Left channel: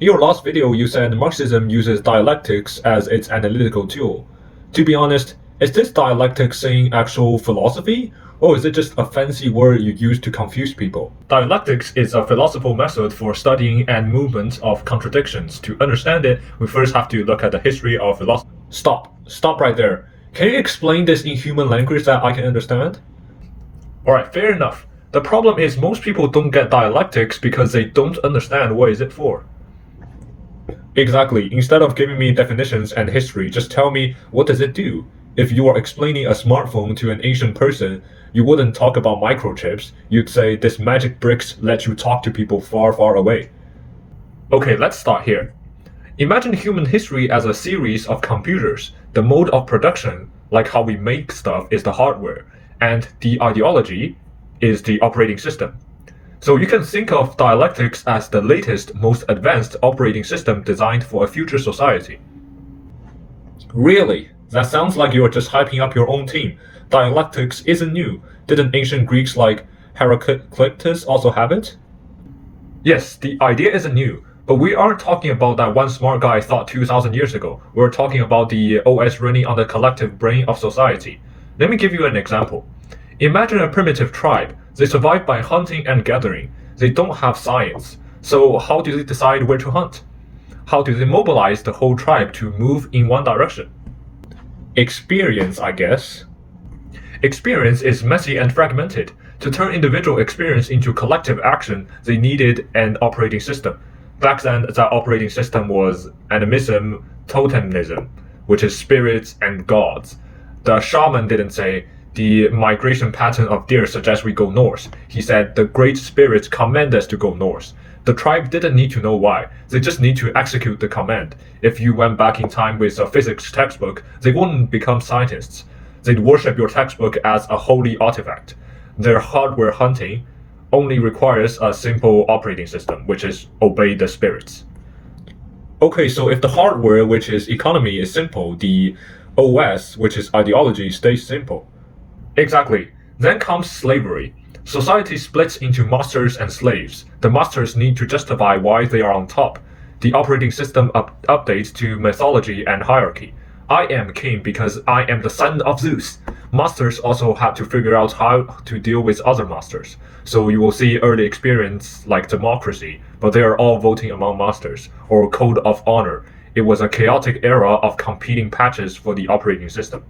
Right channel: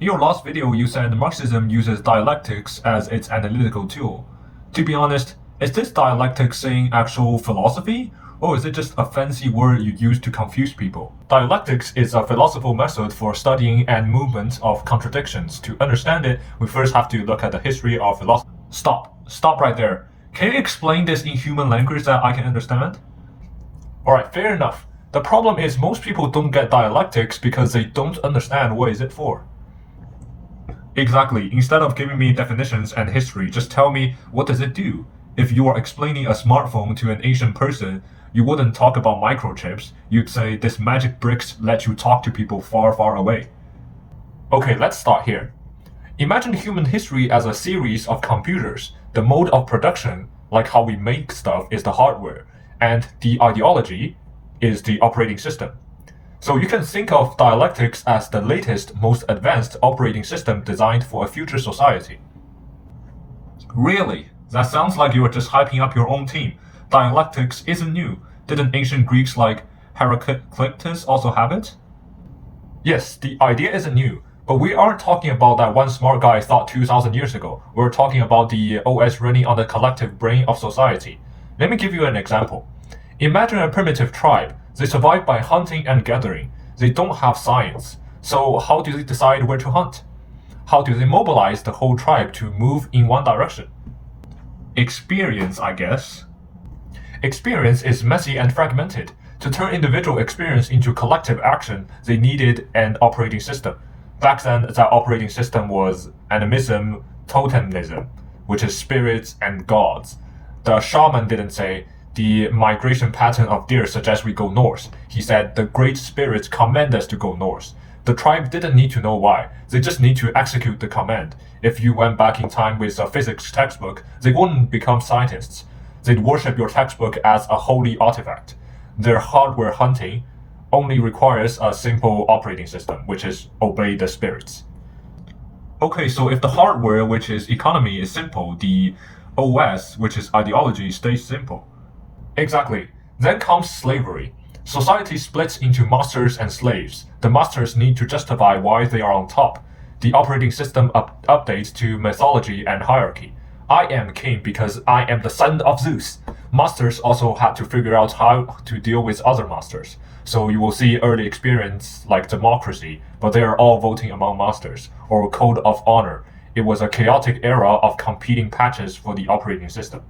In your last video, you said Marxism uses dialectics as its analytical tool. To be honest, is this dialectic saying actual philosophy, or is it just a fancy word you use to confuse people? Dialectics is a philosophical method for studying and movement of contradictions. To understand it, we first have to look at the history of philosophy. Stop right there. Can you explain this in human language that I can understand? Alright, fair enough. The problem is most people don't get dialectics because they don't understand what is it for. Exactly. Instead of giving me definitions and history, just tell me what does it do? If you are explaining a smartphone to an Asian person, you wouldn't talk about microchips. You'd say this magic bricks let you talk to people far, far away. Okay, let's start here. Imagine human history as a series of computers. The mode of production, like how we make stuff, is the hardware, and the ideology is the operating system. So you can think of dialectics as the latest, most advanced operating system designed for a future society. Really? That sounds like you are just hyping up your own team. Dialectics isn't new. Didn't ancient Greeks like Heraclitus also have it? Yes, the idea isn't new, but we aren't talking about that one smart guy thought 2,000 years ago. We're talking about the OS running on the collective brain of society. Let me give you an example. Imagine a primitive tribe. They survive by hunting and gathering. They don't have science. So how do they decide where to hunt? How do they mobilize the whole tribe to move in one direction? Experience, I guess. Experience is messy and fragmented. To turn individual experience into collective action, they needed an operating system. Back then, that operating system was animism, totemism, which is spirits and gods. The shaman didn't say, the migration pattern of deer suggests we go north. He said, the great spirits command us to go north. The tribe didn't need to know why. They just need to execute the command. If you went back in time with a physics textbook, they wouldn't become scientists. They'd worship your textbook as a holy artifact. Their hardware hunting only requires a simple operating system, which is obey the spirits. Okay, so if the hardware, which is economy, is simple, the OS, which is ideology, stays simple. Exactly. Then comes slavery. Society splits into masters and slaves. The masters need to justify why they are on top. The operating system updates to mythology and hierarchy. I am king because I am the son of Zeus. Masters also had to figure out how to deal with other masters. So you will see early experience like democracy, but they are all voting among masters, or code of honor. It was a chaotic era of competing patches for the operating system.